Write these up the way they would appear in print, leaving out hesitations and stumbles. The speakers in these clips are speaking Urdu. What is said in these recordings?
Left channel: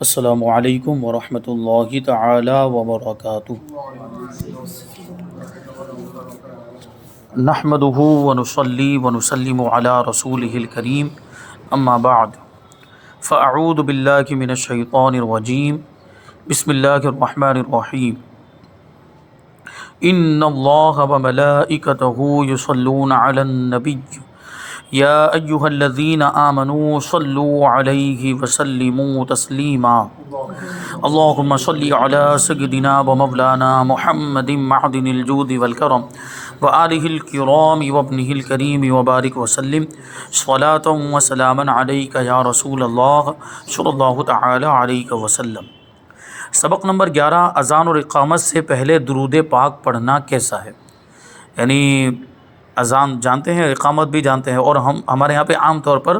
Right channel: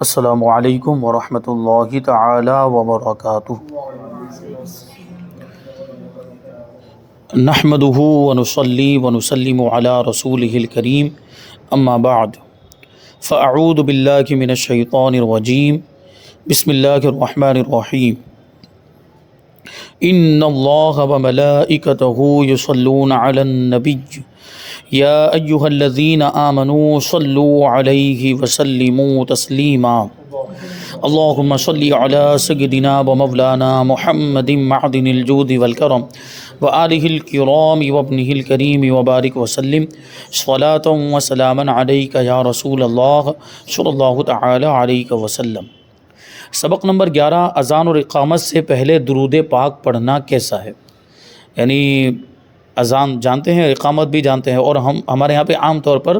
السلام علیکم ورحمۃ اللہ تعالی وبرکاتہ۔ نحمدہ ونصلی ونسلم علی رسولہ الکریم، اما بعد فاعوذ باللہ من الشیطان الرجیم، بسم اللہ الرحمن الرحیم۔ ان اللہ وملائکتہ یصلون علی النبی یا ایہا الذین آمنوا صلوا علیہ وسلموا تسلیما۔ اللہم صلی علی سیدنا ومولانا محمد معدن الجود والکرم وآلہ الکرام وابنہ الکریم وبارک وسلم صلاۃ وسلاما علیک یا رسول اللہ صلی اللہ تعالی علیہ وسلم۔ سبق نمبر 11، اذان اور اقامت سے پہلے درود پاک پڑھنا کیسا ہے؟ یعنی اذان جانتے ہیں، اقامت بھی جانتے ہیں، اور ہمارے یہاں پہ عام طور پر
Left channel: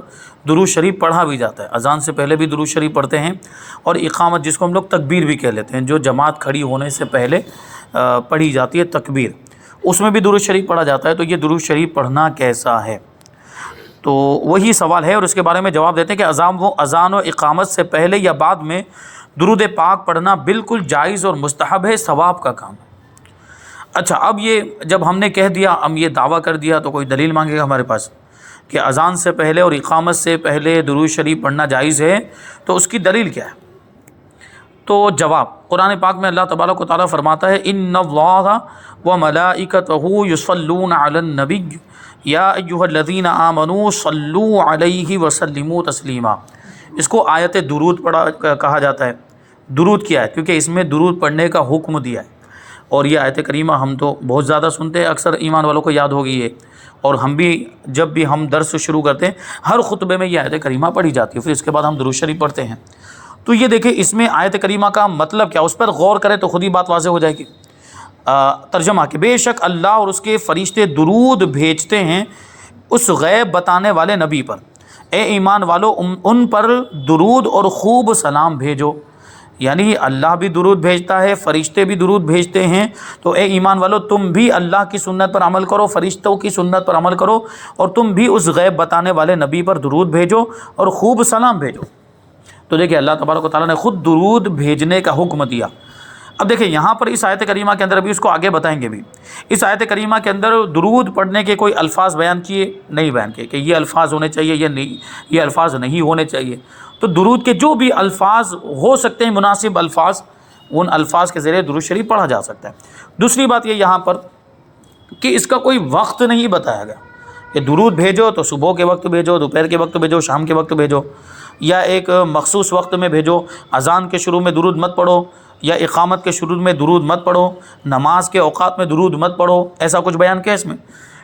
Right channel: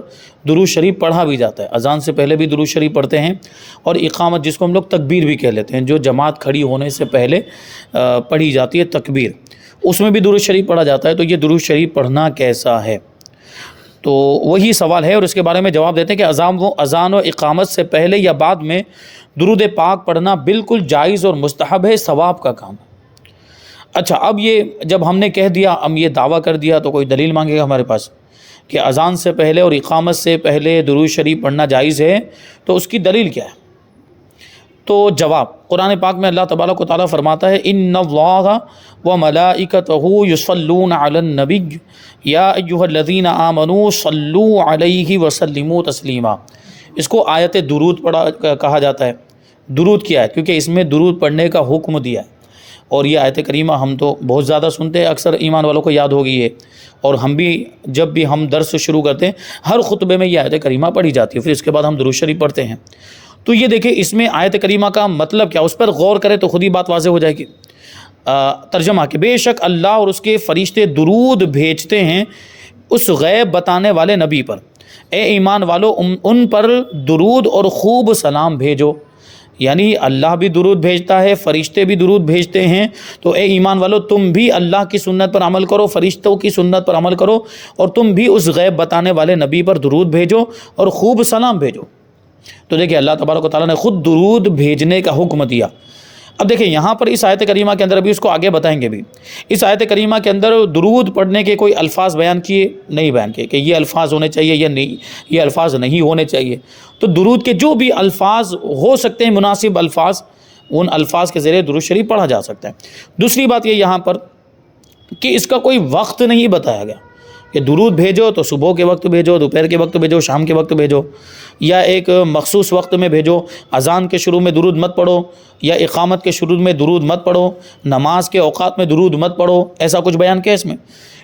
درود شریف پڑھا بھی جاتا ہے۔ اذان سے پہلے بھی درود شریف پڑھتے ہیں، اور اقامت جس کو ہم لوگ تکبیر بھی کہہ لیتے ہیں، جو جماعت کھڑی ہونے سے پہلے پڑھی جاتی ہے تکبیر، اس میں بھی درود شریف پڑھا جاتا ہے۔ تو یہ درود شریف پڑھنا کیسا ہے؟ تو وہی سوال ہے، اور اس کے بارے میں جواب دیتے ہیں کہ اذان و اقامت سے پہلے یا بعد میں درود پاک پڑھنا بالکل جائز اور مستحب ہے، ثواب کا کام۔ اچھا، اب یہ جب ہم نے کہہ دیا، ہم یہ دعویٰ کر دیا، تو کوئی دلیل مانگے گا ہمارے پاس کہ اذان سے پہلے اور اقامت سے پہلے درود شریف پڑھنا جائز ہے، تو اس کی دلیل کیا ہے؟ تو جواب، قرآن پاک میں اللہ تبارک و تعالیٰ فرماتا ہے ان اللہ وملائکتہ یصلون علی النبی یا ایہا الذین آمنوا صلوا علیہ وسلموا تسلیما۔ اس کو آیت درود کہا جاتا ہے۔ درود کیا ہے؟ کیونکہ اس میں درود پڑھنے کا حکم دیا ہے، اور یہ آیت کریمہ ہم تو بہت زیادہ سنتے ہیں، اکثر ایمان والوں کو یاد ہوگی یہ، اور ہم بھی جب بھی ہم درس شروع کرتے ہیں ہر خطبے میں یہ آیت کریمہ پڑھی جاتی ہے، پھر اس کے بعد ہم درود شریف پڑھتے ہیں۔ تو یہ دیکھیں اس میں آیت کریمہ کا مطلب کیا، اس پر غور کریں تو خود ہی بات واضح ہو جائے گی۔ ترجمہ کہ بے شک اللہ اور اس کے فرشتے درود بھیجتے ہیں اس غیب بتانے والے نبی پر، اے ایمان والو ان پر درود اور خوب سلام بھیجو۔ یعنی اللہ بھی درود بھیجتا ہے، فرشتے بھی درود بھیجتے ہیں، تو اے ایمان والو تم بھی اللہ کی سنت پر عمل کرو، فرشتوں کی سنت پر عمل کرو، اور تم بھی اس غیب بتانے والے نبی پر درود بھیجو اور خوب سلام بھیجو۔ تو دیکھیں اللہ تبارک و تعالیٰ نے خود درود بھیجنے کا حکم دیا۔ اب دیکھیں یہاں پر اس آیت کریمہ کے اندر، ابھی اس کو آگے بتائیں گے بھی، اس آیت کریمہ کے اندر درود پڑھنے کے کوئی الفاظ بیان کیے نہیں، بیان کیے کہ یہ الفاظ ہونے چاہیے یا نہیں، یہ الفاظ نہیں ہونے چاہیے۔ تو درود کے جو بھی الفاظ ہو سکتے ہیں، مناسب الفاظ، ان الفاظ کے ذریعے درود شریف پڑھا جا سکتا ہے۔ دوسری بات یہ یہاں پر کہ اس کا کوئی وقت نہیں بتایا گیا کہ درود بھیجو تو صبح کے وقت بھیجو، دوپہر کے وقت بھیجو، شام کے وقت بھیجو، یا ایک مخصوص وقت میں بھیجو۔ اذان کے شروع میں درود مت پڑھو، یا اقامت کے شروع میں درود مت پڑھو، نماز کے اوقات میں درود مت پڑھو، ایسا کچھ بیان کیا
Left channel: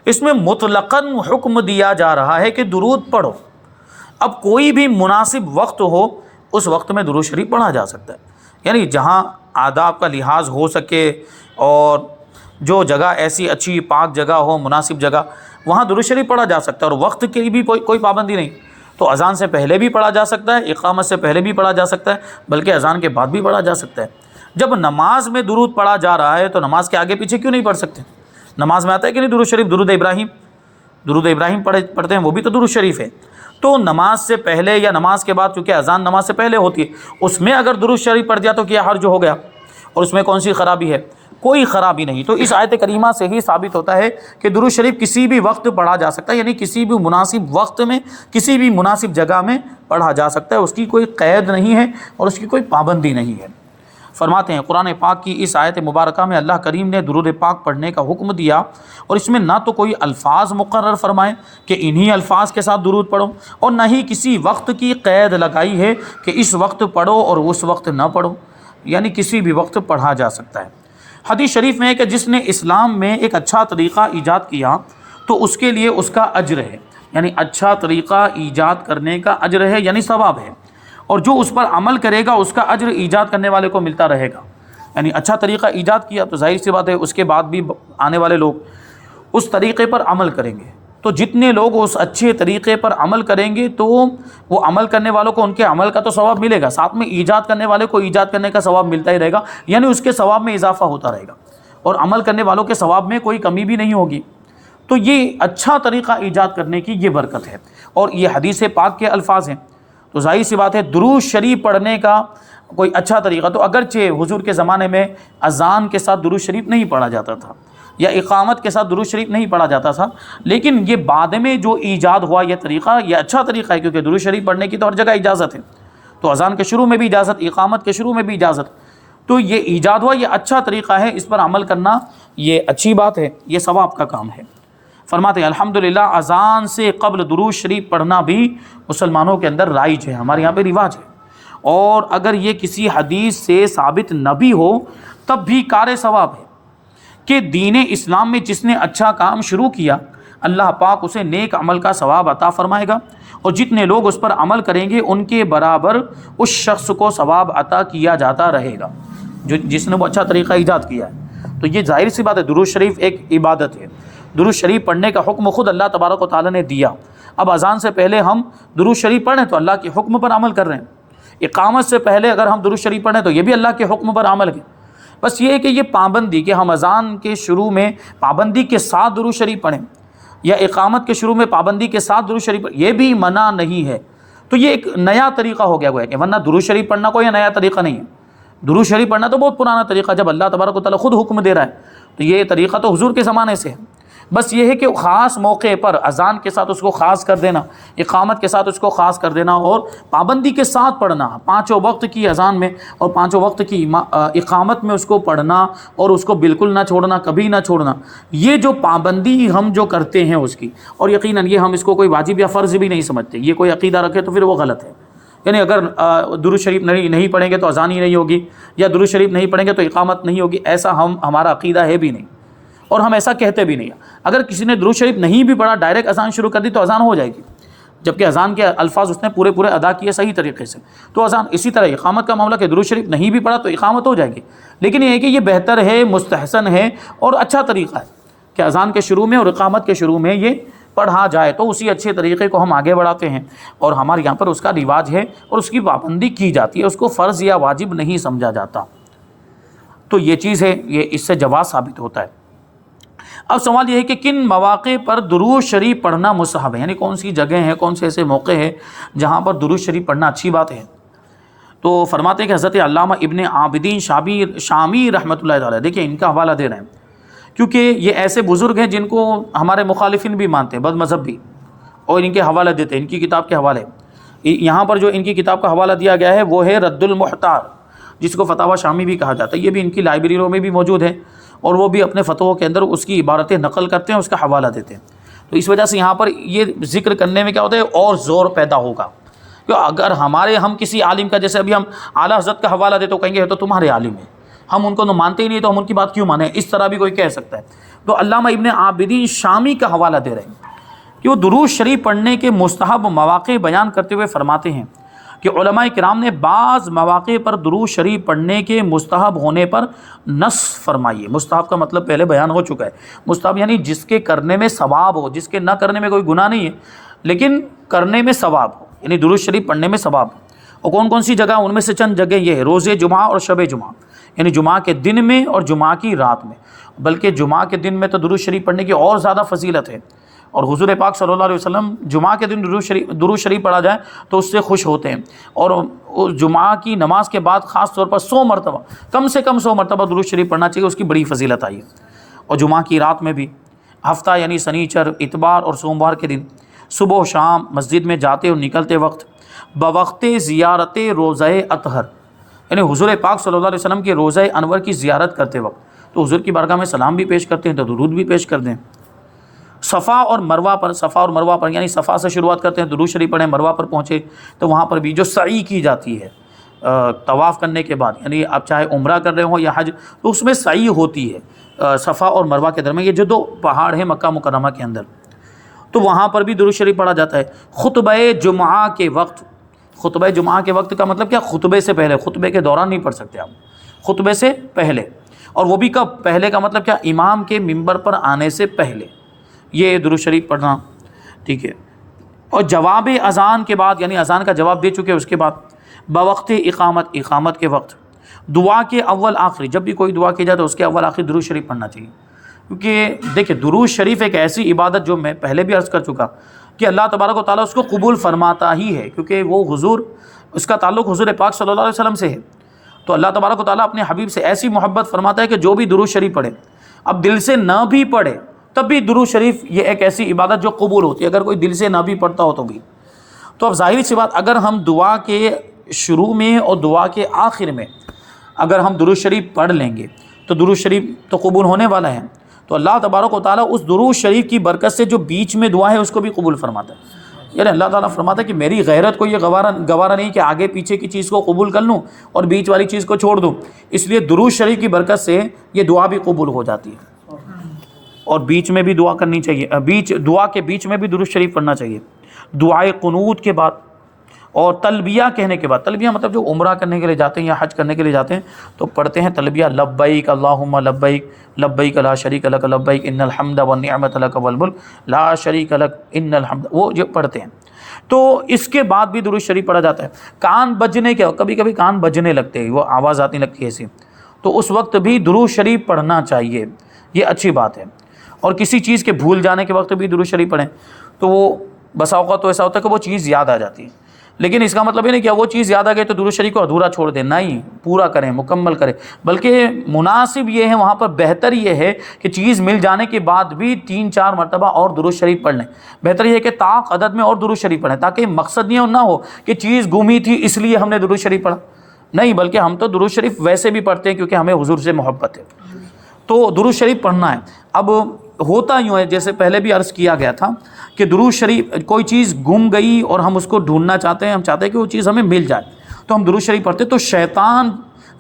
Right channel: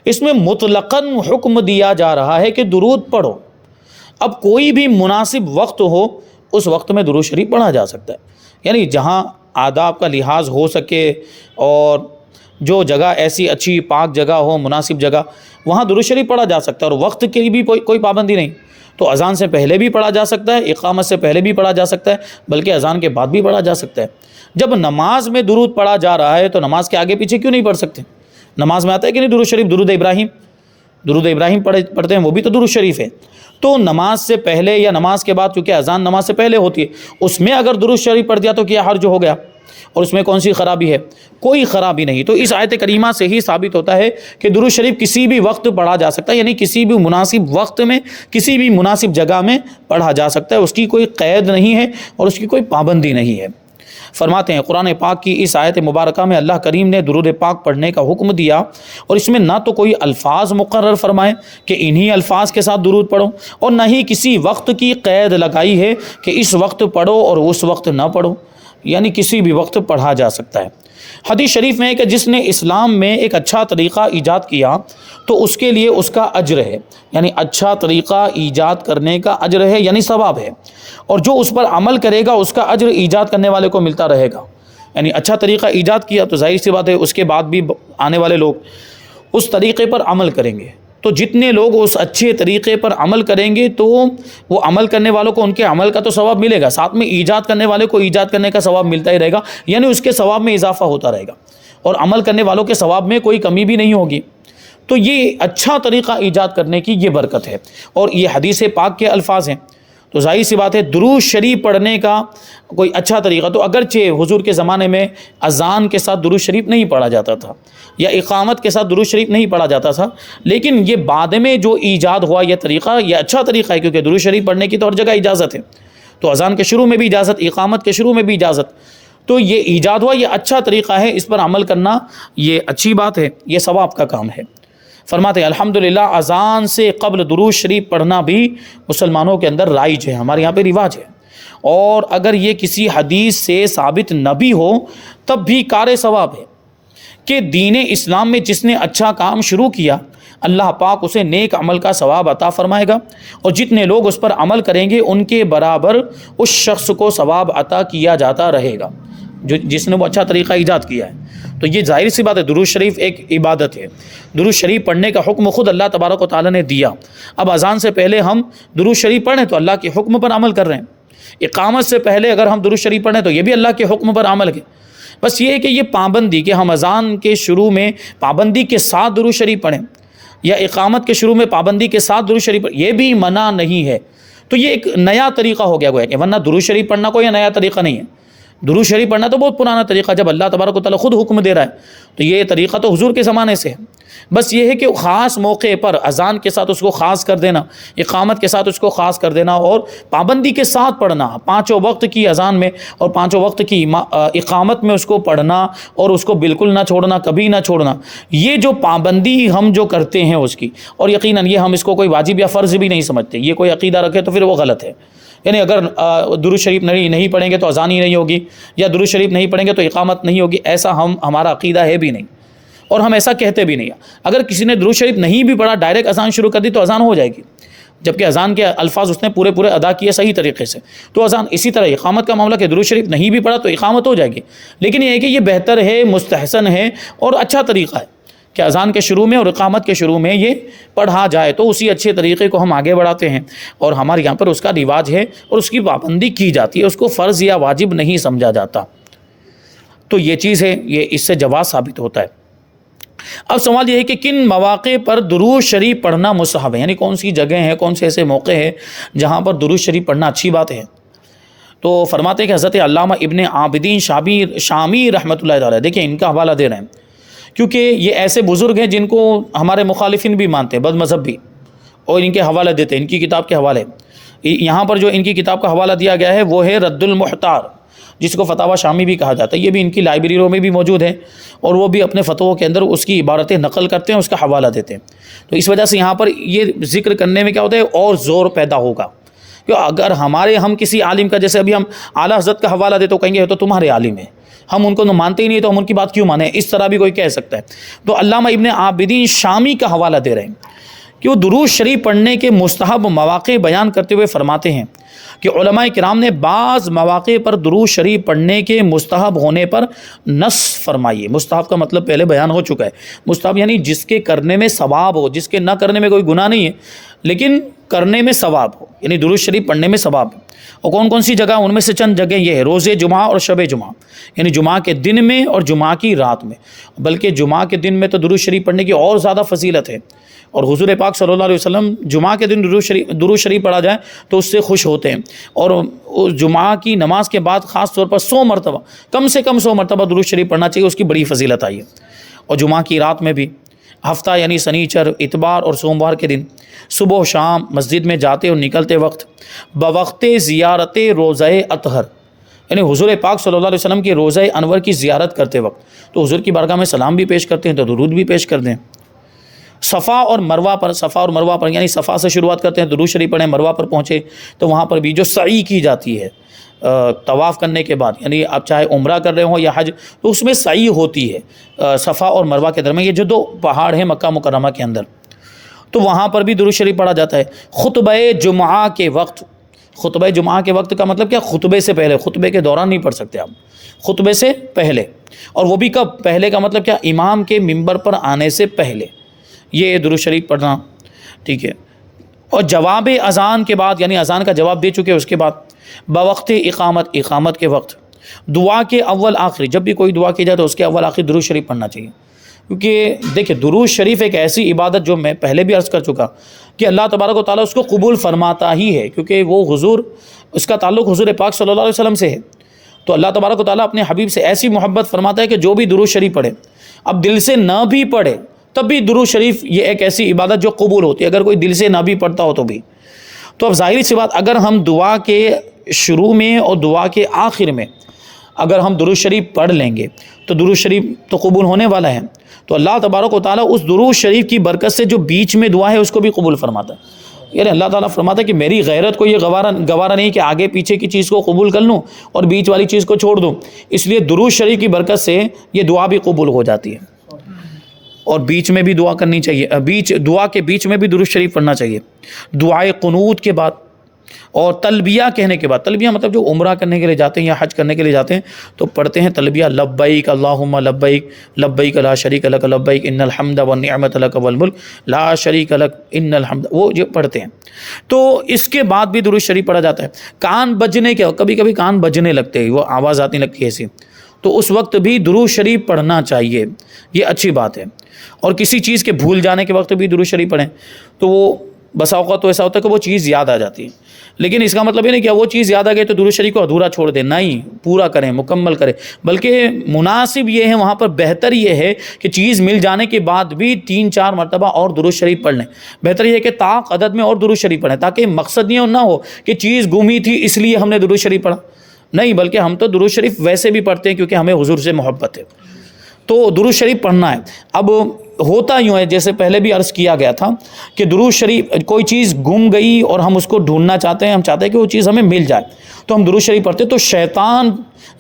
اس میں مطلقاً حکم دیا جا رہا ہے کہ درود پڑھو۔ اب کوئی بھی مناسب وقت ہو، اس وقت میں درود شریف پڑھا جا سکتا ہے، یعنی جہاں آداب کا لحاظ ہو سکے، اور جو جگہ ایسی اچھی پاک جگہ ہو، مناسب جگہ، وہاں درود شریف پڑھا جا سکتا ہے، اور وقت کی بھی کوئی پابندی نہیں۔ تو اذان سے پہلے بھی پڑھا جا سکتا ہے، اقامت سے پہلے بھی پڑھا جا سکتا ہے، بلکہ اذان کے بعد بھی پڑھا جا سکتا ہے۔ جب نماز میں درود پڑھا جا رہا ہے تو نماز کے آگے پیچھے کیوں نہیں پڑھ سکتے؟ نماز میں آتا ہے کہ نہیں درود شریف؟ درود ابراہیم پڑھتے ہیں، وہ بھی تو درود شریف ہے۔ تو نماز سے پہلے یا نماز کے بعد، چونکہ اذان نماز سے پہلے ہوتی ہے، اس میں اگر درود شریف پڑھ دیا تو کیا حرج ہو گیا؟ اور اس میں کون سی خرابی ہے؟ کوئی خرابی نہیں۔ تو اس آیت کریمہ سے ہی ثابت ہوتا ہے کہ درود شریف کسی بھی وقت پڑھا جا سکتا ہے، یعنی کسی بھی مناسب وقت میں، کسی بھی مناسب جگہ میں پڑھا جا سکتا ہے، اس کی کوئی قید نہیں ہے اور اس کی کوئی پابندی نہیں ہے۔ فرماتے ہیں قرآن پاک کی اس آیت مبارکہ میں اللہ کریم نے درود پاک پڑھنے کا حکم دیا، اور اس میں نہ تو کوئی الفاظ مقرر فرمائے کہ انہی الفاظ کے ساتھ درود پڑھو، اور نہ ہی کسی وقت کی قید لگائی ہے کہ اس وقت پڑھو اور اس وقت نہ پڑھو، یعنی کسی بھی وقت پڑھا جا سکتا ہے۔ حدیث شریف میں ہے کہ جس نے اسلام میں ایک اچھا طریقہ ایجاد کیا تو اس کے لیے اس کا اجر ہے، یعنی اچھا طریقہ ایجاد کرنے کا اجر ہے، یعنی ثواب ہے، اور جو اس پر عمل کرے گا اس کا اجر ایجاد کرنے والے کو ملتا رہے گا۔ یعنی اچھا طریقہ ایجاد کیا تو ظاہر سی بات ہے اس کے بعد بھی آنے والے لوگ اس طریقے پر عمل کریں گے، تو جتنے لوگ اس اچھے طریقے پر عمل کریں گے تو وہ عمل کرنے والوں کو ان کے عمل کا تو ثواب ملے گا، ساتھ میں ایجاد کرنے والے کو ایجاد کرنے کا ثواب ملتا ہی رہے گا، یعنی اس کے ثواب میں اضافہ ہوتا رہے گا، اور عمل کرنے والوں کے ثواب میں کوئی کمی بھی نہیں ہوگی۔ تو یہ اچھا طریقہ ایجاد کرنے کی یہ برکت ہے، اور یہ حدیث پاک کے الفاظ ہیں۔ تو ظاہر سی بات ہے درود شریف پڑھنے کا کوئی اچھا طریقہ، تو اگرچہ حضور کے زمانے میں اذان کے ساتھ درود شریف نہیں پڑھا جاتا تھا یا اقامت کے ساتھ درود شریف نہیں پڑھا جاتا تھا، لیکن یہ بعد میں جو ایجاد ہوا یہ طریقہ، یہ اچھا طریقہ ہے، کیونکہ درود شریف پڑھنے کی تو ہر جگہ اجازت ہے، تو اذان کے شروع میں بھی اجازت، اقامت کے شروع میں بھی اجازت، تو یہ ایجاد ہوا، یہ اچھا طریقہ ہے، اس پر عمل کرنا یہ اچھی بات ہے، یہ ثواب کا کام ہے۔ فرماتے ہیں الحمدللہ اذان سے قبل درود شریف پڑھنا بھی مسلمانوں کے اندر رائج ہے، ہمارے یہاں پہ رواج ہے، اور اگر یہ کسی حدیث سے ثابت نہ بھی ہو تب بھی کار ثواب ہے کہ دین اسلام میں جس نے اچھا کام شروع کیا اللہ پاک اسے نیک عمل کا ثواب عطا فرمائے گا، اور جتنے لوگ اس پر عمل کریں گے ان کے برابر اس شخص کو ثواب عطا کیا جاتا رہے گا جس نے وہ اچھا طریقہ ایجاد کیا ہے۔ تو یہ ظاہر سی بات ہے، درود شریف ایک عبادت ہے، درود شریف پڑھنے کا حکم خود اللہ تبارک و تعالیٰ نے دیا۔ اب اذان سے پہلے ہم درود شریف پڑھیں تو اللہ کے حکم پر عمل کر رہے ہیں، اقامت سے پہلے اگر ہم درود شریف پڑھیں تو یہ بھی اللہ کے حکم پر عمل ہے۔ بس یہ ہے کہ یہ پابندی کہ ہم اذان کے شروع میں پابندی کے ساتھ درود شریف پڑھیں یا اقامت کے شروع میں پابندی کے ساتھ درود شریف پڑھیں، یہ بھی منع نہیں ہے۔ تو یہ ایک نیا طریقہ ہو گیا کہ ورنہ درود شریف پڑھنا کوئی نیا طریقہ نہیں ہے، درود شریف پڑھنا تو بہت پرانا طریقہ، جب اللہ تبارک و تعالیٰ خود حکم دے رہا ہے تو یہ طریقہ تو حضور کے زمانے سے ہے۔ بس یہ ہے کہ خاص موقع پر اذان کے ساتھ اس کو خاص کر دینا، اقامت کے ساتھ اس کو خاص کر دینا، اور پابندی کے ساتھ پڑھنا، پانچوں وقت کی اذان میں اور پانچوں وقت کی اقامت میں اس کو پڑھنا اور اس کو بالکل نہ چھوڑنا، کبھی نہ چھوڑنا، یہ جو پابندی ہم جو کرتے ہیں اس کی، اور یقیناً یہ ہم اس کو کوئی واجب یا فرض بھی نہیں سمجھتے، یہ کوئی عقیدہ رکھے تو پھر وہ غلط ہے۔ یعنی اگر درود شریف نہیں پڑھیں گے تو اذان ہی نہیں ہوگی، یا درود شریف نہیں پڑھیں گے تو اقامت نہیں ہوگی، ایسا ہمارا عقیدہ ہے بھی نہیں، اور ہم ایسا کہتے بھی نہیں۔ اگر کسی نے درود شریف نہیں بھی پڑھا، ڈائریکٹ اذان شروع کر دی تو اذان ہو جائے گی، جبکہ اذان کے الفاظ اس نے پورے ادا کیے صحیح طریقے سے، تو اذان۔ اسی طرح اقامت کا معاملہ کہ درود شریف نہیں بھی پڑھا تو اقامت ہو جائے گی، لیکن یہ ہے کہ یہ بہتر ہے، مستحسن ہے اور اچھا طریقہ ہے کہ اذان کے شروع میں اور اقامت کے شروع میں یہ پڑھا جائے، تو اسی اچھے طریقے کو ہم آگے بڑھاتے ہیں، اور ہمارے یہاں پر اس کا رواج ہے اور اس کی پابندی کی جاتی ہے، اس کو فرض یا واجب نہیں سمجھا جاتا۔ تو یہ چیز ہے، یہ اس سے جواز ثابت ہوتا ہے۔ اب سوال یہ ہے کہ کن مواقع پر درود شریف پڑھنا مستحب ہے، یعنی کون سی جگہ ہیں، کون سے ایسے موقع ہیں جہاں پر درود شریف پڑھنا اچھی بات ہے۔ تو فرماتے ہیں کہ حضرت علامہ ابن عابدین شامی رحمۃ اللہ علیہ، دیکھیں ان کا حوالہ دے رہے ہیں کیونکہ یہ ایسے بزرگ ہیں جن کو ہمارے مخالفین بھی مانتے ہیں، بد مذہب بھی، اور ان کے حوالہ دیتے ہیں، ان کی کتاب کے حوالے۔ یہاں پر جو ان کی کتاب کا حوالہ دیا گیا ہے وہ ہے رد المحتار، جس کو فتاوی شامی بھی کہا جاتا ہے، یہ بھی ان کی لائبریریوں میں بھی موجود ہے، اور وہ بھی اپنے فتووں کے اندر اس کی عبارتیں نقل کرتے ہیں، اس کا حوالہ دیتے ہیں۔ تو اس وجہ سے یہاں پر یہ ذکر کرنے میں کیا ہوتا ہے، اور زور پیدا ہوگا، کہ اگر ہم کسی عالم کا، جیسے ابھی ہم اعلیٰ حضرت کا حوالہ دیتے تو کہیں گے تو تمہارے عالم ہیں، ہم ان کو مانتے ہی نہیں تو ہم ان کی بات کیوں مانیں، اس طرح بھی کوئی کہہ سکتا ہے۔ تو علامہ ابن عابدین شامی کا حوالہ دے رہے ہیں کہ وہ درود شریف پڑھنے کے مستحب مواقع بیان کرتے ہوئے فرماتے ہیں کہ علماء کرام نے بعض مواقع پر درود شریف پڑھنے کے مستحب ہونے پر نص فرمائی ہے۔ مستحب کا مطلب پہلے بیان ہو چکا ہے، مستحب یعنی جس کے کرنے میں ثواب ہو، جس کے نہ کرنے میں کوئی گناہ نہیں ہے لیکن کرنے میں ثواب ہو، یعنی درود شریف پڑھنے میں ثواب ہے۔ اور کون کون سی جگہ، ان میں سے چند جگہ یہ ہے، روزے جمعہ اور شب جمعہ، یعنی جمعہ کے دن میں اور جمعہ کی رات میں، بلکہ جمعہ کے دن میں تو درود شریف پڑھنے کی اور زیادہ فضیلت ہے، اور حضور پاک صلی اللہ علیہ وسلم جمعہ کے دن درود شریف پڑھا جائے تو اس سے خوش ہوتے ہیں، اور جمعہ کی نماز کے بعد خاص طور پر 100 مرتبہ، کم سے کم 100 مرتبہ درود شریف پڑھنا چاہیے، اس کی بڑی فضیلت آئی ہے۔ اور جمعہ کی رات میں بھی، ہفتہ یعنی سنیچر، اتوار اور سوموار کے دن صبح و شام مسجد میں جاتے اور نکلتے وقت بوقت زیارت روزہ اطہر، یعنی حضور پاک صلی اللہ علیہ وسلم کے روزہ انور کی زیارت کرتے وقت تو حضور کی بارگاہ میں سلام بھی پیش کرتے ہیں تو درود بھی پیش کر دیں۔ صفا اور مروہ پر یعنی صفا سے شروعات کرتے ہیں، درود شریف پڑھیں، مروہ پر پہنچے تو وہاں پر بھی جو سعی کی جاتی ہے طواف کرنے کے بعد، یعنی آپ چاہے عمرہ کر رہے ہوں یا حج، تو اس میں سعی ہوتی ہے صفا اور مروہ کے درمیان، یہ جو 2 پہاڑ ہیں مکہ مکرمہ کے اندر، تو وہاں پر بھی درود شریف پڑھا جاتا ہے۔ خطبہ جمعہ کے وقت، خطبہ جمعہ کے وقت کا مطلب کیا، خطبے سے پہلے، خطبے کے دوران نہیں پڑھ سکتے آپ، خطبے سے پہلے، اور وہ بھی کب، پہلے کا مطلب کیا، امام کے منبر پر آنے سے پہلے یہ درود شریف پڑھنا، ٹھیک ہے۔ اور جواب اذان کے بعد، یعنی اذان کا جواب دے چکے اس کے بعد بوقت اقامت کے وقت، دعا کے اول آخری، جب بھی کوئی دعا کی جائے تو اس کے اول آخری درود شریف پڑھنا چاہیے، کیونکہ دیکھیں درود شریف ایک ایسی عبادت جو میں پہلے بھی عرض کر چکا کہ اللہ تبارک و تعالیٰ اس کو قبول فرماتا ہی ہے، کیونکہ وہ حضور، اس کا تعلق حضور پاک صلی اللہ علیہ وسلم سے ہے۔ تو اللہ تبارک و تعالیٰ اپنے حبیب سے ایسی محبت فرماتا ہے کہ جو بھی درود شریف پڑھے، اب دل سے نہ بھی پڑھے تب بھی درود شریف یہ ایک ایسی عبادت جو قبول ہوتی ہے، اگر کوئی دل سے نہ بھی پڑھتا ہو تو بھی۔ تو اب ظاہری سی بات، اگر ہم دعا کے شروع میں اور دعا کے آخر میں اگر ہم درود شریف پڑھ لیں گے تو درود شریف تو قبول ہونے والا ہے، تو اللہ تبارک و تعالیٰ اس درود شریف کی برکت سے جو بیچ میں دعا ہے اس کو بھی قبول فرماتا ہے۔ یعنی اللہ تعالیٰ فرماتا ہے کہ میری غیرت کو یہ گوارا نہیں کہ آگے پیچھے کی چیز کو قبول کر لوں اور بیچ والی چیز کو چھوڑ دوں، اس لیے درود شریف کی برکت سے یہ دعا بھی قبول ہو جاتی ہے۔ اور بیچ میں بھی دعا کرنی چاہیے، دعا کے بیچ میں بھی درود شریف پڑھنا چاہیے، دعائے قنوت کے بعد اور تلبیہ کہنے کے بعد۔ تلبیہ مطلب جو عمرہ کرنے کے لیے جاتے ہیں یا حج کرنے کے لیے جاتے ہیں تو پڑھتے ہیں تلبیہ، لبیک اللہم لبیک لبیک لا شریک لک لبیک ان الحمد والنعمت لک والملک لا شریک لک ان الحمد، وہ جو پڑھتے ہیں۔ تو اس کے بعد بھی درود شریف پڑھا جاتا ہے۔ کان بجنے کے، کبھی کبھی کان بجنے لگتے ہیں، وہ آواز آتی لگتی ہے ایسی، تو اس وقت بھی درود شریف پڑھنا چاہیے، یہ اچھی بات ہے۔ اور کسی چیز کے بھول جانے کے وقت بھی درود شریف پڑھیں تو وہ بسا اوقات تو ایسا ہوتا ہے کہ وہ چیز یاد آ جاتی ہے، لیکن اس کا مطلب یہ نہیں کہ وہ چیز یاد آ گئی تو درود شریف کو ادھورا چھوڑ دیں، نہیں، پورا کریں، مکمل کریں، بلکہ مناسب یہ ہے، وہاں پر بہتر یہ ہے کہ چیز مل جانے کے بعد بھی 3-4 مرتبہ اور درود شریف پڑھ لیں۔ بہتر یہ ہے کہ طاق عدد میں اور درود شریف پڑھیں، تاکہ مقصد یہ نہ ہو کہ چیز گمی تھی اس لیے ہم نے درود شریف پڑھا، نہیں، بلکہ ہم تو درود شریف ویسے بھی پڑھتے ہیں کیونکہ ہمیں حضور سے محبت ہے، تو درود شریف پڑھنا ہے۔ اب ہوتا یوں ہے، جیسے پہلے بھی عرض کیا گیا تھا کہ درود شریف، کوئی چیز گم گئی اور ہم اس کو ڈھونڈنا چاہتے ہیں، ہم چاہتے ہیں کہ وہ چیز ہمیں مل جائے، تو ہم درود شریف پڑھتے، تو شیطان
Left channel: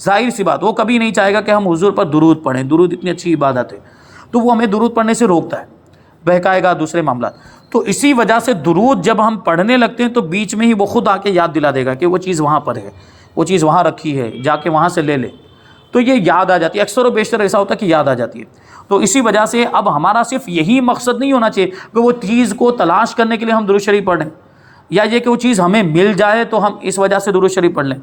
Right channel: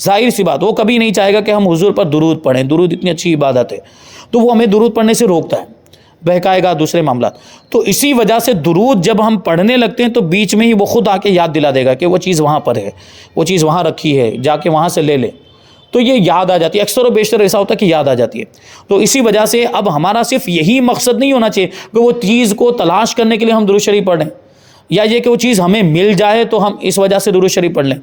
ظاہر سی بات وہ کبھی نہیں چاہے گا کہ ہم حضور پر درود پڑھیں، درود اتنی اچھی عبادت ہے، تو وہ ہمیں درود پڑھنے سے روکتا ہے، بہکائے گا دوسرے معاملات۔ تو اسی وجہ سے درود جب ہم پڑھنے لگتے ہیں تو بیچ میں ہی وہ خود آ کے یاد دلا دے گا کہ وہ چیز وہاں پر ہے، وہ چیز وہاں رکھی ہے، جا کے وہاں سے لے لے، تو یہ یاد آ جاتی ہے۔ اکثر و بیشتر ایسا ہوتا ہے کہ یاد آ جاتی ہے۔ تو اسی وجہ سے اب ہمارا صرف یہی مقصد نہیں ہونا چاہیے کہ وہ چیز کو تلاش کرنے کے لیے ہم درود شریف پڑھ لیں، یا یہ کہ وہ چیز ہمیں مل جائے تو ہم اس وجہ سے درود شریف پڑھ لیں،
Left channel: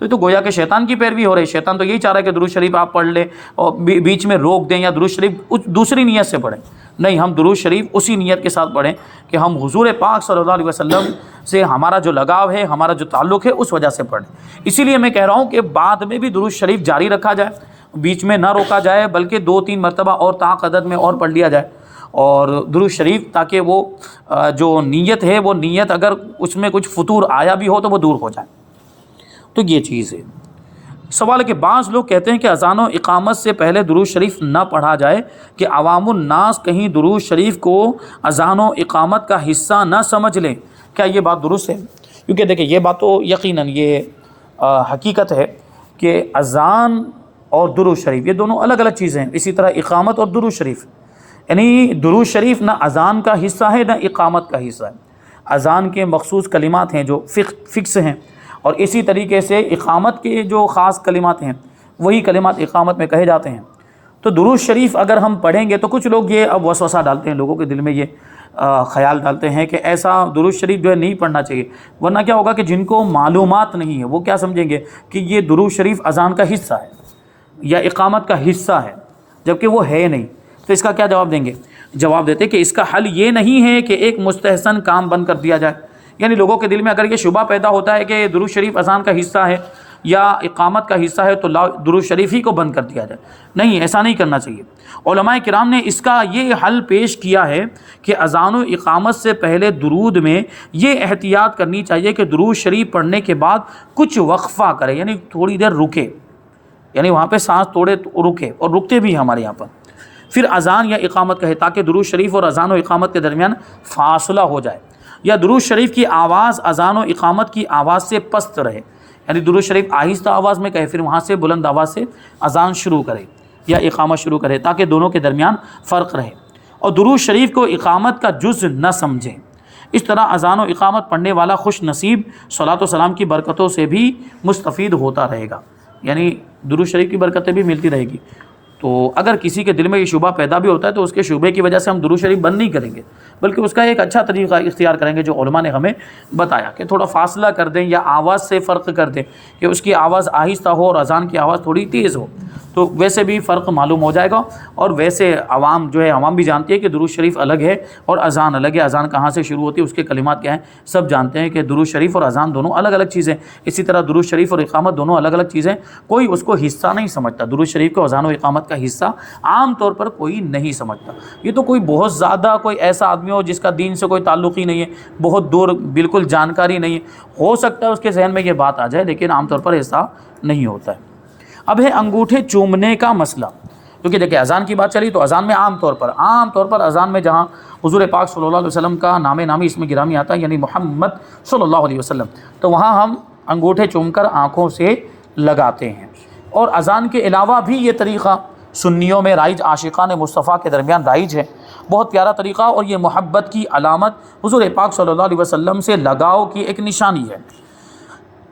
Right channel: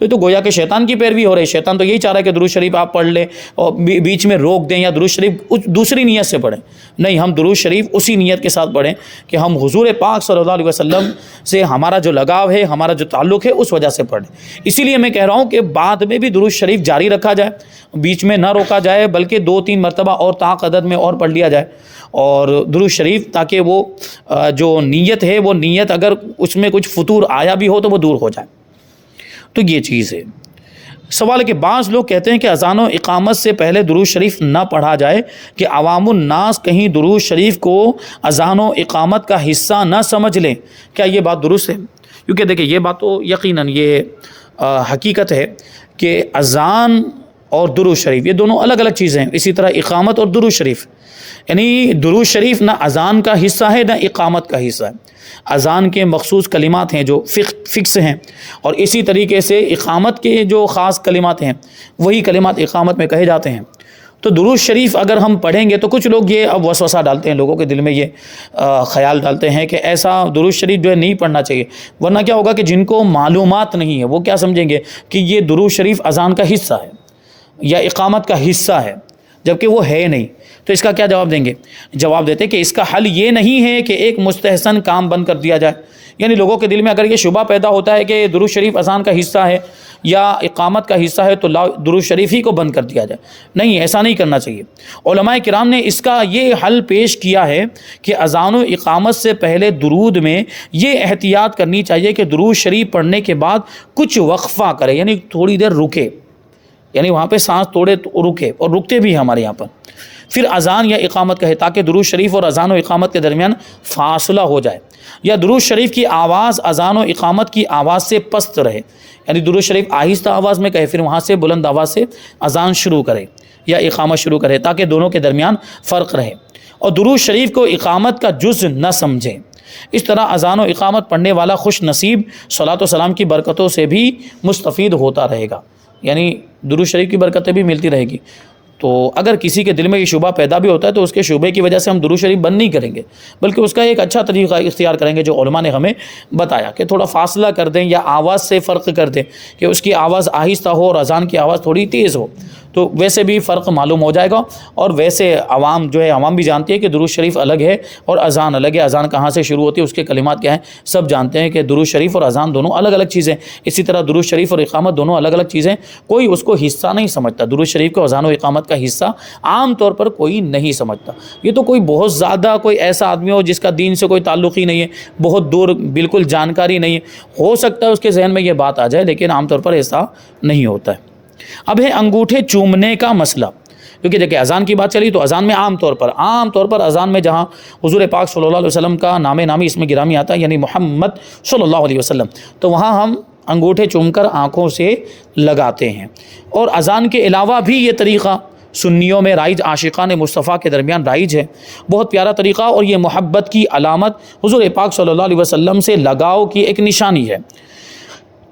تو گویا کہ شیطان کی پیروی ہو رہی ہے۔ شیطان تو یہی چاہ رہا ہے کہ درود شریف آپ پڑھ لیں اور بیچ میں روک دیں، یا درود شریف دوسری نیت سے پڑھیں، نہیں، ہم درود شریف اسی نیت کے ساتھ پڑھیں کہ ہم حضور پاک صلی اللہ علیہ وسلم سے ہمارا جو لگاؤ ہے، ہمارا جو تعلق ہے، اس وجہ سے پڑھیں۔ اسی لیے میں کہہ رہا ہوں کہ بعد میں بھی درود شریف جاری رکھا جائے، بیچ میں نہ روکا جائے، بلکہ 2-3 مرتبہ اور طاق عدد میں اور پڑھ لیا جائے اور درود شریف، تاکہ وہ جو نیت ہے، وہ نیت اگر اس میں کچھ فطور آیا بھی ہو تو وہ دور ہو جائے۔ تو یہ چیز ہے۔ سوال ہے کہ بعض لوگ کہتے ہیں کہ اذان و اقامت سے پہلے درود شریف نہ پڑھا جائے کہ عوام الناس کہیں درود شریف کو اذان و اقامت کا حصہ نہ سمجھ لیں، کیا یہ بات درست ہے؟ کیونکہ دیکھیں، یہ بات تو یقیناً یہ حقیقت ہے کہ اذان اور درود شریف یہ دونوں الگ الگ چیزیں ہیں، اسی طرح اقامت اور درود شریف، یعنی درود شریف نہ اذان کا حصہ ہے نہ اقامت کا حصہ ہے۔ اذان کے مخصوص کلمات ہیں جو فکس ہیں، اور اسی طریقے سے اقامت کے جو خاص کلمات ہیں وہی کلمات اقامت میں کہے جاتے ہیں۔ تو درود شریف اگر ہم پڑھیں گے تو کچھ لوگ یہ اب وسوسہ ڈالتے ہیں، لوگوں کے دل میں یہ خیال ڈالتے ہیں کہ ایسا درود شریف جو ہے نہیں پڑھنا چاہیے، ورنہ کیا ہوگا کہ جن کو معلومات نہیں ہے وہ کیا سمجھیں گے کہ یہ درود شریف اذان کا حصہ ہے یا اقامت کا حصہ ہے، جبکہ وہ ہے نہیں۔ تو اس کا کیا جواب دیں گے؟ جواب دیتے کہ اس کا حل یہ نہیں ہے کہ ایک مستحسن کام بند کر دیا جائے، یعنی لوگوں کے دل میں اگر یہ شبہ پیدا ہوتا ہے کہ درود شریف اذان کا حصہ ہے یا اقامت کا حصہ ہے تو درود شریف ہی کو بند کر دیا جائے، نہیں، ایسا نہیں کرنا چاہیے۔ علماء کرام نے اس کا یہ حل پیش کیا ہے کہ اذان و اقامت سے پہلے درود میں یہ احتیاط کرنی چاہیے کہ درود شریف پڑھنے کے بعد کچھ وقفہ کرے، یعنی تھوڑی دیر رکے، یعنی وہاں پہ سانس توڑے رکے، اور رکتے بھی ہیں ہمارے یہاں پر، پھر اذان یا اقامت کہے، تاکہ درود شریف اور اذان و اقامت کے درمیان فاصلہ ہو جائے، یا درود شریف کی آواز اذان و اقامت کی آواز سے پست رہے، یعنی درود شریف آہستہ آواز میں کہے، پھر وہاں سے بلند آواز سے اذان شروع کرے یا اقامت شروع کرے، تاکہ دونوں کے درمیان فرق رہے، اور درود شریف کو اقامت کا جز نہ سمجھیں۔ اس طرح اذان و اقامت پڑھنے والا خوش نصیب صلاۃ و سلام کی برکتوں سے بھی مستفید ہوتا رہے گا، یعنی درود شریف کی برکتیں بھی ملتی رہے گی۔ تو اگر کسی کے دل میں یہ شبہ پیدا بھی ہوتا ہے تو اس کے شبے کی وجہ سے ہم درود شریف بند نہیں کریں گے، بلکہ اس کا ایک اچھا طریقہ اختیار کریں گے جو علماء نے ہمیں بتایا، کہ تھوڑا فاصلہ کر دیں یا آواز سے فرق کر دیں، کہ اس کی آواز آہستہ ہو اور اذان کی آواز تھوڑی تیز ہو، تو ویسے بھی فرق معلوم ہو جائے گا. اور ویسے عوام جو ہے عوام بھی جانتی ہے کہ درود شریف الگ ہے اور اذان الگ ہے. اذان کہاں سے شروع ہوتی ہے, اس کے کلمات کیا ہیں, سب جانتے ہیں کہ درود شریف اور اذان دونوں الگ الگ چیزیں. اسی طرح درود شریف اور اقامت دونوں الگ الگ چیزیں. کوئی اس کو حصہ نہیں سمجھتا, درود شریف کو اذان و اقامت کا حصہ عام طور پر کوئی نہیں سمجھتا. یہ تو کوئی بہت زیادہ کوئی ایسا آدمی ہو جس کا دین سے کوئی تعلق ہی نہیں ہے, بہت دور بالکل جانکاری نہیں ہے, ہو سکتا ہے اس کے ذہن میں یہ بات آ جائے, لیکن عام طور پر ایسا نہیں ہوتا ہے. اب ہے انگوٹھے چومنے کا مسئلہ, کیونکہ دیکھیں اذان کی بات چلی تو اذان میں عام طور پر اذان میں جہاں حضور پاک صلی اللہ علیہ وسلم کا نام نامی اس میں گرامی آتا ہے, یعنی محمد صلی اللہ علیہ وسلم, تو وہاں ہم انگوٹھے چوم کر آنکھوں سے لگاتے ہیں. اور اذان کے علاوہ بھی یہ طریقہ سنیوں میں رائج, عاشقان مصطفیٰ کے درمیان رائج ہے, بہت پیارا طریقہ, اور یہ محبت کی علامت حضور پاک صلی اللہ علیہ وسلم سے لگاؤ کی ایک نشانی ہے.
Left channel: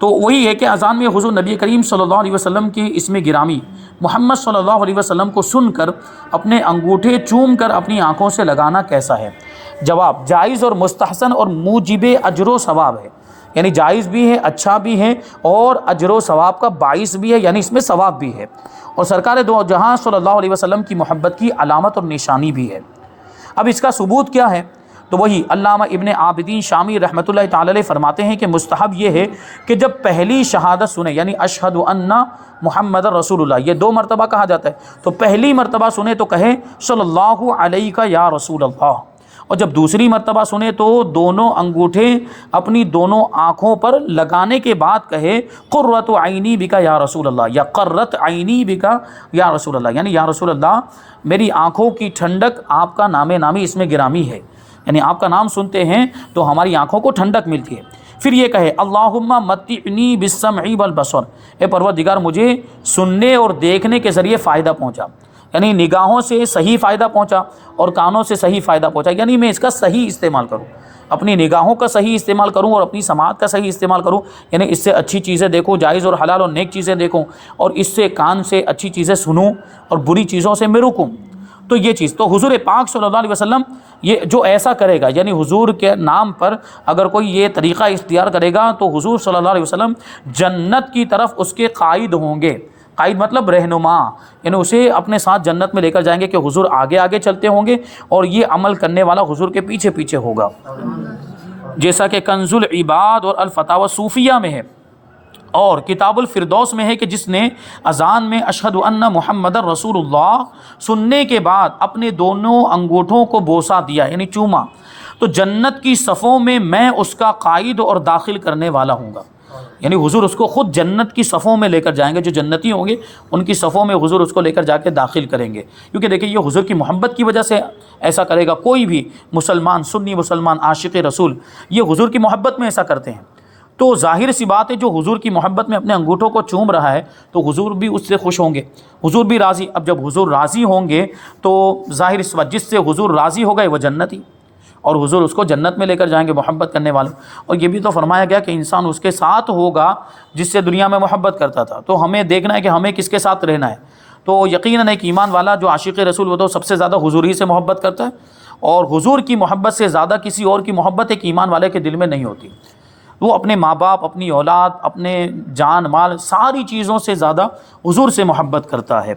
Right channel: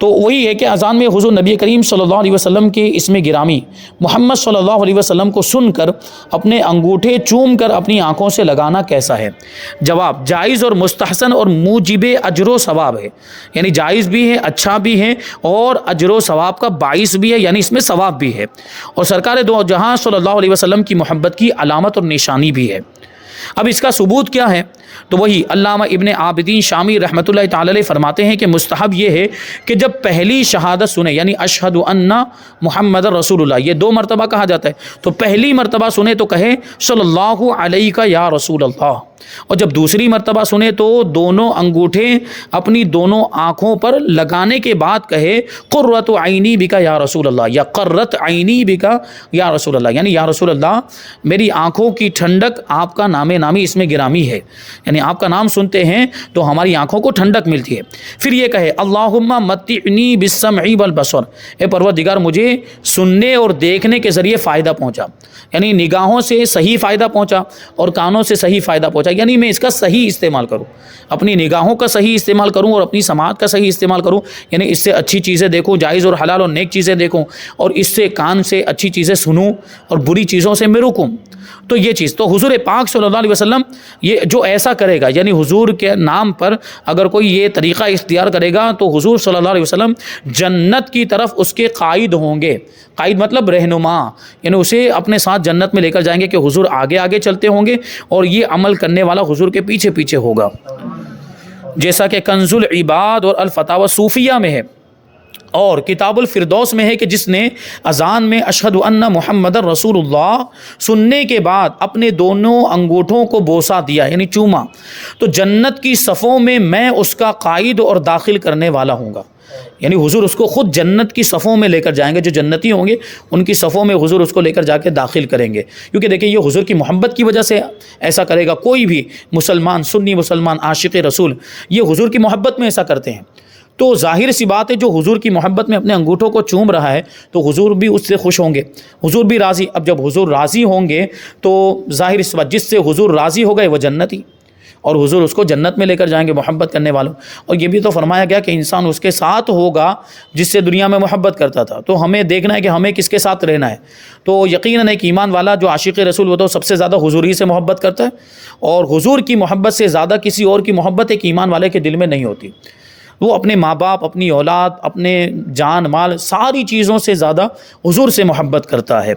تو وہی ہے کہ اذان میں حضور نبی کریم صلی اللہ علیہ وسلم کی اسم گرامی محمد صلی اللہ علیہ وسلم کو سن کر اپنے انگوٹھے چوم کر اپنی آنکھوں سے لگانا کیسا ہے؟ جواب جائز اور مستحسن اور موجب اجر و ثواب ہے. یعنی جائز بھی ہے, اچھا بھی ہے, اور اجر و ثواب کا باعث بھی ہے, یعنی اس میں ثواب بھی ہے, اور سرکار دو جہاں صلی اللہ علیہ وسلم کی محبت کی علامت اور نشانی بھی ہے. اب اس کا ثبوت کیا ہے؟ تو وہی علامہ ابن عابدین شامی رحمۃ اللہ تعالی علیہ فرماتے ہیں کہ مستحب یہ ہے کہ جب پہلی شہادت سنے, یعنی اشہد ان محمد رسول اللہ, یہ 2 مرتبہ کہا جاتا ہے, تو پہلی مرتبہ سنے تو کہے صلی اللہ علیہ یا رسول اللہ, اور جب دوسری مرتبہ سنے تو دونوں انگوٹھے اپنی دونوں آنکھوں پر لگانے کے بعد کہے قرۃ عینی بکا یا رسول اللہ, یا قرۃ عینی بکا یا رسول اللہ, یعنی یا رسول اللہ میری آنکھوں کی ٹھنڈک آپ کا نام نامی اس میں گرامی ہے, یعنی آپ کا نام سنتے ہیں تو ہماری آنکھوں کو ٹھنڈک ملتی ہے. پھر یہ کہے اللہم متعنی بالسمع والبصر, اے پروردگار مجھے سننے اور دیکھنے کے ذریعے فائدہ پہنچا, یعنی نگاہوں سے صحیح فائدہ پہنچا اور کانوں سے صحیح فائدہ پہنچا, یعنی میں اس کا صحیح استعمال کروں, اپنی نگاہوں کا صحیح استعمال کروں اور اپنی سماعت کا صحیح استعمال کروں, یعنی اس سے اچھی چیزیں دیکھوں, جائز اور حلال اور نیک چیزیں دیکھوں, اور اس سے کان سے اچھی چیزیں سنوں اور بری چیزوں سے میں رکوں. تو یہ چیز تو حضور پاک صلی اللہ علیہ وسلم یہ جو ایسا کرے گا, یعنی حضور کے نام پر اگر کوئی یہ طریقہ اختیار کرے گا تو حضور صلی اللہ علیہ وسلم جنت کی طرف اس کے قائد ہوں گے. قائد مطلب رہنما, یعنی اسے اپنے ساتھ جنت میں لے کر جائیں گے کہ حضور آگے آگے چلتے ہوں گے اور یہ عمل کرنے والا حضور کے پیچھے پیچھے ہوگا. جیسا کہ کنز العباد اور الفتاوی صوفیہ میں ہے اور کتاب الفردوس میں ہے کہ جس نے اذان میں اشہد ان محمد رسول اللہ سننے کے بعد اپنے دونوں انگوٹھوں کو بوسہ دیا, یعنی چوما, تو جنت کی صفوں میں اس کا قائد اور داخل کرنے والا ہوں گا. یعنی حضور اس کو خود جنت کی صفوں میں لے کر جائیں گے, جو جنتی ہوں گے ان کی صفوں میں حضور اس کو لے کر جا کے داخل کریں گے. کیونکہ دیکھیں یہ حضور کی محبت کی وجہ سے ایسا کرے گا. کوئی بھی مسلمان, سنی مسلمان عاشق رسول, یہ حضور کی محبت میں ایسا کرتے ہیں. تو ظاہر سی بات ہے جو حضور کی محبت میں اپنے انگوٹھوں کو چوم رہا ہے تو حضور بھی اس سے خوش ہوں گے, حضور بھی راضی. اب جب حضور راضی ہوں گے تو ظاہر سی بات, جس سے حضور راضی ہو گئے وہ جنتی, اور حضور اس کو جنت میں لے کر جائیں گے محبت کرنے والوں. اور یہ بھی تو فرمایا گیا کہ انسان اس کے ساتھ ہوگا جس سے دنیا میں محبت کرتا تھا. تو ہمیں دیکھنا ہے کہ ہمیں کس کے ساتھ رہنا ہے. تو یقیناً ایک ایمان والا جو عاشق رسول وہ تو سب سے زیادہ حضور ہی سے محبت کرتا ہے, اور حضور کی محبت سے زیادہ کسی اور کی محبت ایک ایمان والے کے دل میں نہیں ہوتی. وہ اپنے ماں باپ, اپنی اولاد, اپنے جان مال, ساری چیزوں سے زیادہ حضور سے محبت کرتا ہے.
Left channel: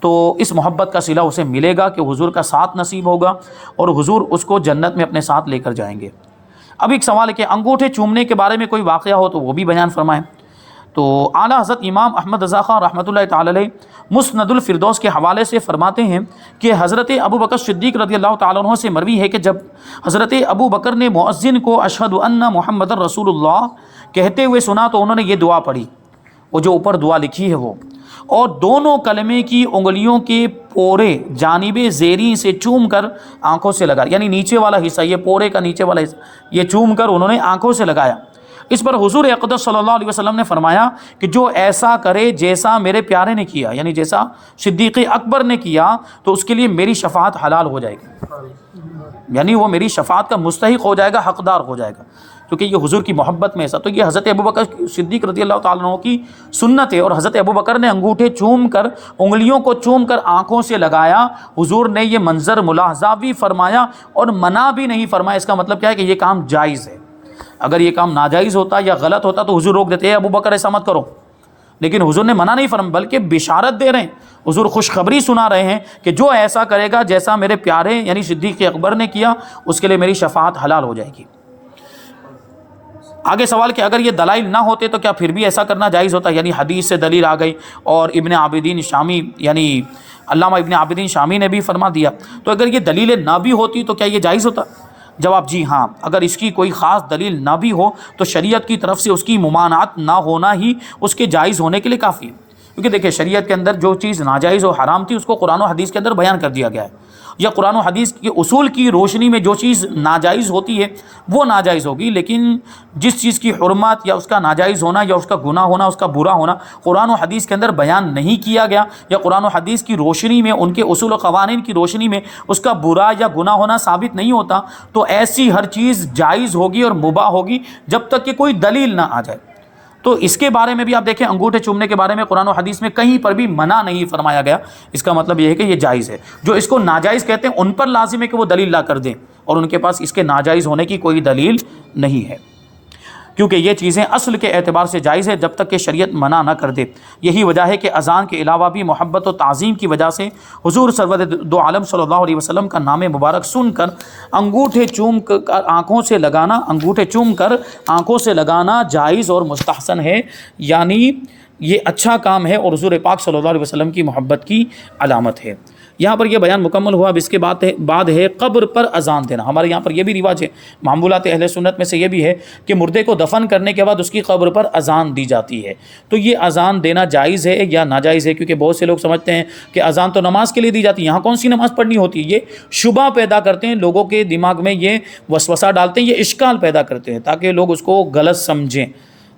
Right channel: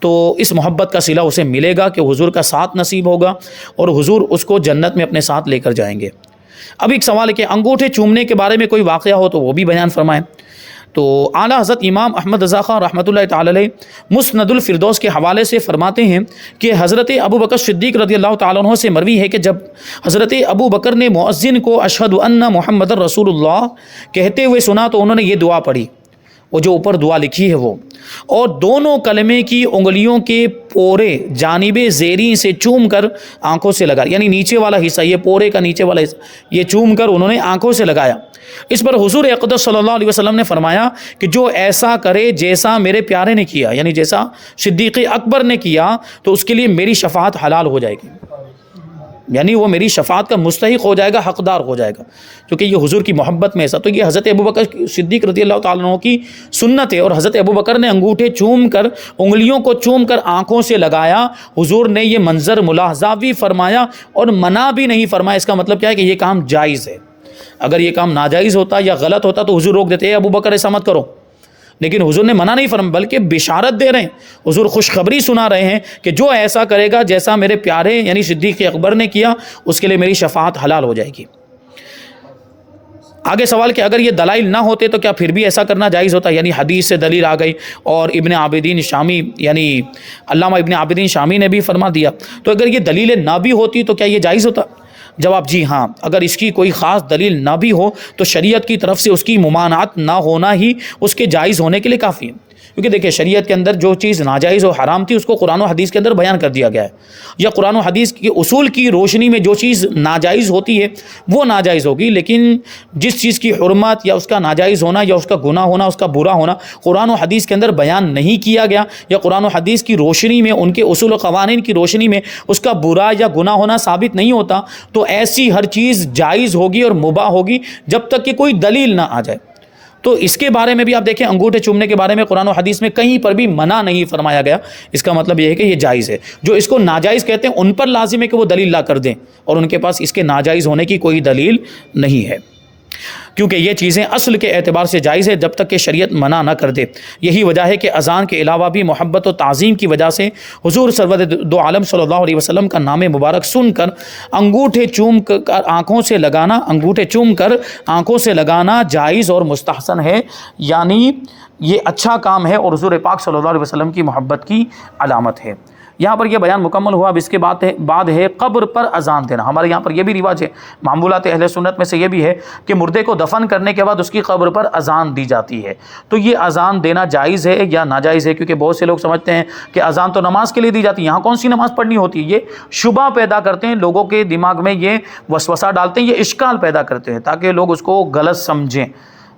تو اس محبت کا صلہ اسے ملے گا کہ حضور کا ساتھ نصیب ہوگا اور حضور اس کو جنت میں اپنے ساتھ لے کر جائیں گے. اب ایک سوال ہے کہ انگوٹھے چومنے کے بارے میں کوئی واقعہ ہو تو وہ بھی بیان فرمائیں. تو اعلیٰ حضرت امام احمد رضا خان رحمۃ اللہ تعالی علیہ مسند الفردوس کے حوالے سے فرماتے ہیں کہ حضرت ابو بکر صدیق رضی اللہ تعالیٰ عنہ سے مروی ہے کہ جب حضرت ابو بکر نے مؤذن کو اشہد ان محمد رسول اللہ کہتے ہوئے سنا تو انہوں نے یہ دعا پڑھی, وہ جو اوپر دعا لکھی ہے وہ, اور دونوں کلمے کی انگلیوں کے پورے جانب زیریں سے چوم کر آنکھوں سے لگا, یعنی نیچے والا حصہ, یہ پورے کا نیچے والا حصہ یہ چوم کر انہوں نے آنکھوں سے لگایا. اس پر حضور اقدس صلی اللہ علیہ وسلم نے فرمایا کہ جو ایسا کرے جیسا میرے پیارے نے کیا, یعنی جیسا صدیق اکبر نے کیا, تو اس کے لیے میری شفاعت حلال ہو جائے گی, یعنی وہ میری شفاعت کا مستحق ہو جائے گا, حقدار ہو جائے گا, کیونکہ یہ حضور کی محبت میں ایسا. تو یہ حضرت ابو بکر صدیق رضی اللہ تعالیٰ عنہ کی سنت ہے, اور حضرت ابو بکر نے انگوٹھے چوم کر, انگلیوں کو چوم کر آنکھوں سے لگایا. حضور نے یہ منظر ملاحظہ بھی فرمایا اور منع بھی نہیں فرمایا. اس کا مطلب کیا ہے کہ یہ کام جائز ہے. اگر یہ کام ناجائز ہوتا یا غلط ہوتا تو حضور روک دیتے, ابو بکر ایسا مت کرو, لیکن حضور نے منع نہیں فرمایا بلکہ بشارت دے رہے ہیں، حضور خوشخبری سنا رہے ہیں کہ جو ایسا کرے گا جیسا میرے پیارے یعنی صدیق اکبر نے کیا، اس کے لیے میری شفاعت حلال ہو جائے گی۔ آگے سوال کہ اگر یہ دلائل نہ ہوتے تو کیا پھر بھی ایسا کرنا جائز ہوتا؟ یعنی حدیث سے دلیل آ گئی اور ابن عابدین شامی یعنی علامہ ابن عابدین شامی نے بھی فرما دیا، تو اگر یہ دلیل نہ بھی ہوتی تو کیا یہ جائز ہوتا؟ جواب جی ہاں، اگر اس کی کوئی خاص دلیل نہ بھی ہو تو شریعت کی طرف سے اس کی ممانعت نہ ہونا ہی اس کے جائز ہونے کے لیے کافی ہے۔ کیونکہ دیکھیں شریعت کے اندر جو چیز ناجائز و حرام تھی اس کو قرآن و حدیث کے اندر بیان کر دیا گیا ہے، یا قرآن و حدیث کے اصول کی روشنی میں جو چیز ناجائز ہوتی ہے وہ ناجائز ہوگی، لیکن جس چیز کی حرمت یا اس کا ناجائز ہونا یا اس کا گناہ ہونا، اس کا برا ہونا قرآن و حدیث کے اندر بیان نہیں کیا گیا، یا قرآن و حدیث کی روشنی میں ان کے اصول و قوانین کی روشنی میں اس کا برا یا گناہ ہونا ثابت نہیں ہوتا، تو ایسی ہر چیز جائز ہوگی اور مباح ہوگی جب تک کہ کوئی دلیل نہ آ جائے۔ تو اس کے بارے میں بھی آپ دیکھیں، انگوٹھے چومنے کے بارے میں قرآن و حدیث میں کہیں پر بھی منع نہیں فرمایا گیا، اس کا مطلب یہ ہے کہ یہ جائز ہے۔ جو اس کو ناجائز کہتے ہیں ان پر لازم ہے کہ وہ دلیل لا کر دیں، اور ان کے پاس اس کے ناجائز ہونے کی کوئی دلیل نہیں ہے، کیونکہ یہ چیزیں اصل کے اعتبار سے جائز ہے جب تک کہ شریعت منع نہ کر دے۔ یہی وجہ ہے کہ اذان کے علاوہ بھی محبت و تعظیم کی وجہ سے حضور سرور دو عالم صلی اللہ علیہ وسلم کا نام مبارک سن کر انگوٹھے چوم کر آنکھوں سے لگانا جائز اور مستحسن ہے، یعنی یہ اچھا کام ہے اور حضور پاک صلی اللہ علیہ وسلم کی محبت کی علامت ہے۔ یہاں پر یہ بیان مکمل ہوا۔ اب اس کے بعد ہے قبر پر اذان دینا۔ ہمارے یہاں پر یہ بھی رواج ہے، معمولات اہل سنت میں سے یہ بھی ہے کہ مردے کو دفن کرنے کے بعد اس کی قبر پر اذان دی جاتی ہے۔ تو یہ اذان دینا جائز ہے یا ناجائز ہے؟ کیونکہ بہت سے لوگ سمجھتے ہیں کہ اذان تو نماز کے لیے دی جاتی ہے، یہاں کون سی نماز پڑھنی ہوتی ہے؟ یہ شبہ پیدا کرتے ہیں لوگوں کے دماغ میں، یہ وسوسہ ڈالتے ہیں، یہ اشکال پیدا کرتے ہیں تاکہ لوگ اس کو غلط سمجھیں،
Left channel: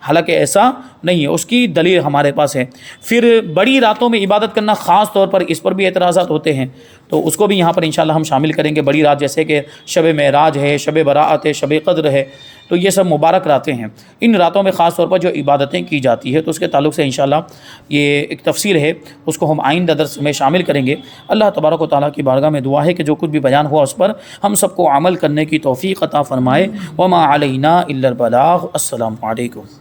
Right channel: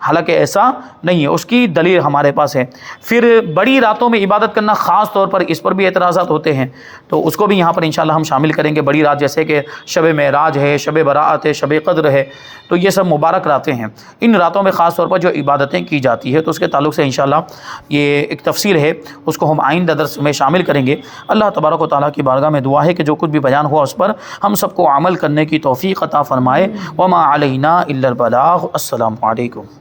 حالانکہ ایسا نہیں ہے، اس کی دلیل ہمارے پاس ہے۔ پھر بڑی راتوں میں عبادت کرنا، خاص طور پر اس پر بھی اعتراضات ہوتے ہیں، تو اس کو بھی یہاں پر انشاءاللہ ہم شامل کریں گے۔ بڑی رات جیسے کہ شب معراج ہے، شب براءت ہے، شب قدر ہے، تو یہ سب مبارک راتیں ہیں، ان راتوں میں خاص طور پر جو عبادتیں کی جاتی ہے، تو اس کے تعلق سے انشاءاللہ یہ ایک تفسیر ہے، اس کو ہم آئندہ درس میں شامل کریں گے۔ اللہ تبارک و تعالیٰ کی بارگاہ میں دعا ہے کہ جو کچھ بھی بیان ہوا اس پر ہم سب کو عمل کرنے کی توفیق عطا فرمائے۔ وما علینا الا البلاغ۔ السلام علیکم۔